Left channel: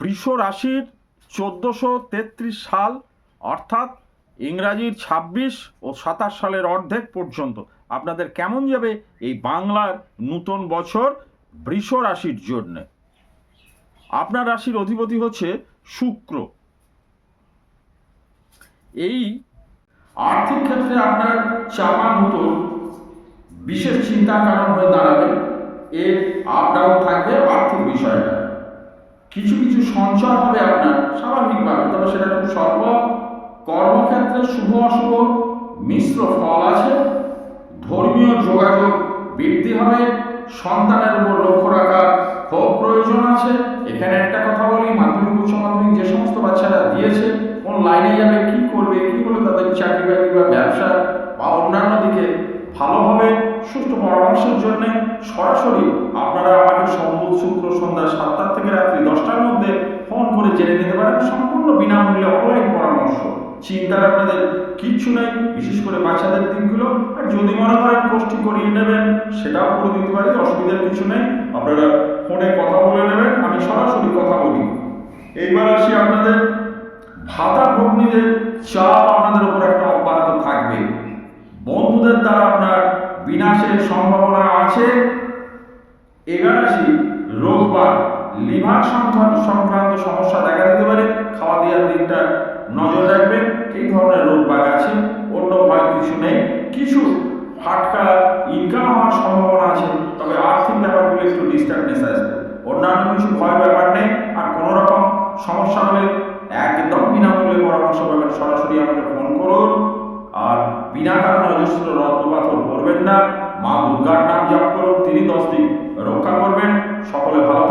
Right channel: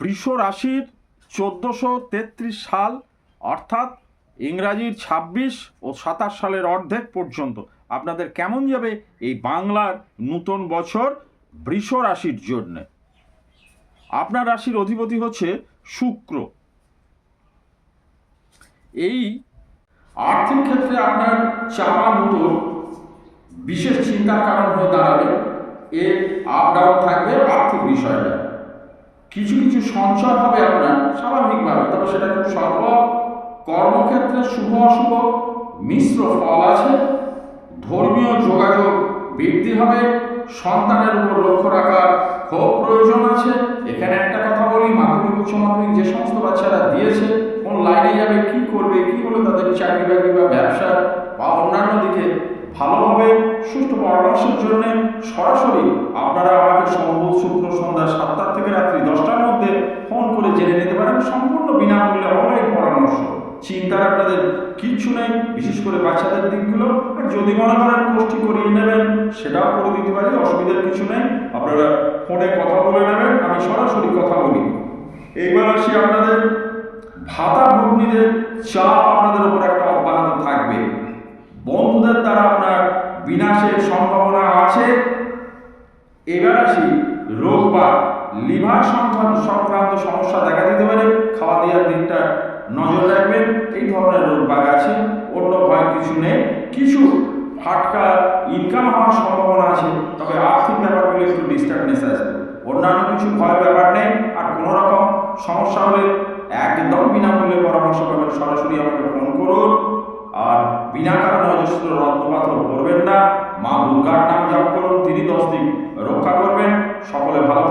বৃষ রাশির 1433 সাল অর্থাৎ ইংরাজির 26 ও 27 সালের অর্ধেক পর্যন্ত আপনাদের কেমন যাবে এই বাংলার নূতন বছর বৃষ রাশির জন্য। আপনার রাশির অধিপতি হচ্ছে শুক্র। এই আর্থিক ক্ষেত্রে আপনার চাপা নূতন বিশেষ চিন্তার কারণ হয়ে দাঁড়াবে। এর আপ ডাউন থাকবে আর্থিক বিষয়টা, কিছু কিছু সঞ্চয় হবে আপনার স্বাভাবিকভাবে, তবে সেটা খুব স্বল্প। কর্মক্ষেত্রে শুভ অশুভ মিশ্র ফল আছে। ধর্মীয় যোগাযোগ বৃদ্ধি হবে। সন্তানের উপর লক্ষ্য রাখার খুব প্রয়োজন আছে। এখানে একটা কথা বলি, মাধ্যমিক উচ্চ মাধ্যমিক যে সমস্ত বাচ্চারা দিয়েছে, কোন লাইনে যাবে, কি করবে, কি হলে তাদের চাকরি বাকরি বা ব্যবসা বা অন্যান্য দিকে ভালো হবে, সুষ্ঠু পরামর্শের জন্য সরাসরি আপনারা আমাকে সোম শুক্র সন্ধ্যা 7টা থেকে রাত্রি 10টার মধ্যে ফোন করে জেনে নিতে পারেন। সম্পূর্ণ বিনামূল্যে অনলাইন পরামর্শ। চিন্তার আপনাদের কিচ্ছু নেই, বিশেষ করে বাচ্চাদের দিকগুলো। আর যদি মনে করেন কোষ্ঠী করিয়ে নেবেন, সেটাও করে দিতে পারি, অসুবিধার কিছু নেই। আপনারা ফোনে কথা বলে নেবেন, আমি সরাসরি কথা বলি। এইবার আসি আপনাদের ভাতা ভগ্নীদের চাপ আপনাদের উপর একটা অব্যাহত থাকবে। বন্ধুদের দ্বারা আপনার বিনাশের সম্ভাবনা আছে। এবার আসি রোগ বা লিভার সংক্রান্ত সমস্যা দেখা দিতে পারে। খাওয়া দাওয়ার দিকটা নজর রাখবেন। এই ধরনের রোগ বাগ আছে, অন্য ভয়ের কিছু নেই। কিছু ফাটকা ইনকাম হওয়ার সম্ভাবনা আছে, তবে আর্থিক ব্যাপারগুলো একটু ডিস্টার্বনেস আসবে। অন্যান্য কিছু ভয়ের ব্যাপার নেই। আর কোনো রকম সমস্যা হলে একদম বিনামূল্যে পরামর্শ পাবেন, সরাসরি আমাকে ফোন করুন। আর বিনা কারণে অজস্র রত্নপাথর করবেন না। মা দুর্গার নাম জপ করুন, তিনি 10 দিন রক্ষা করবেন। সকলে ভালো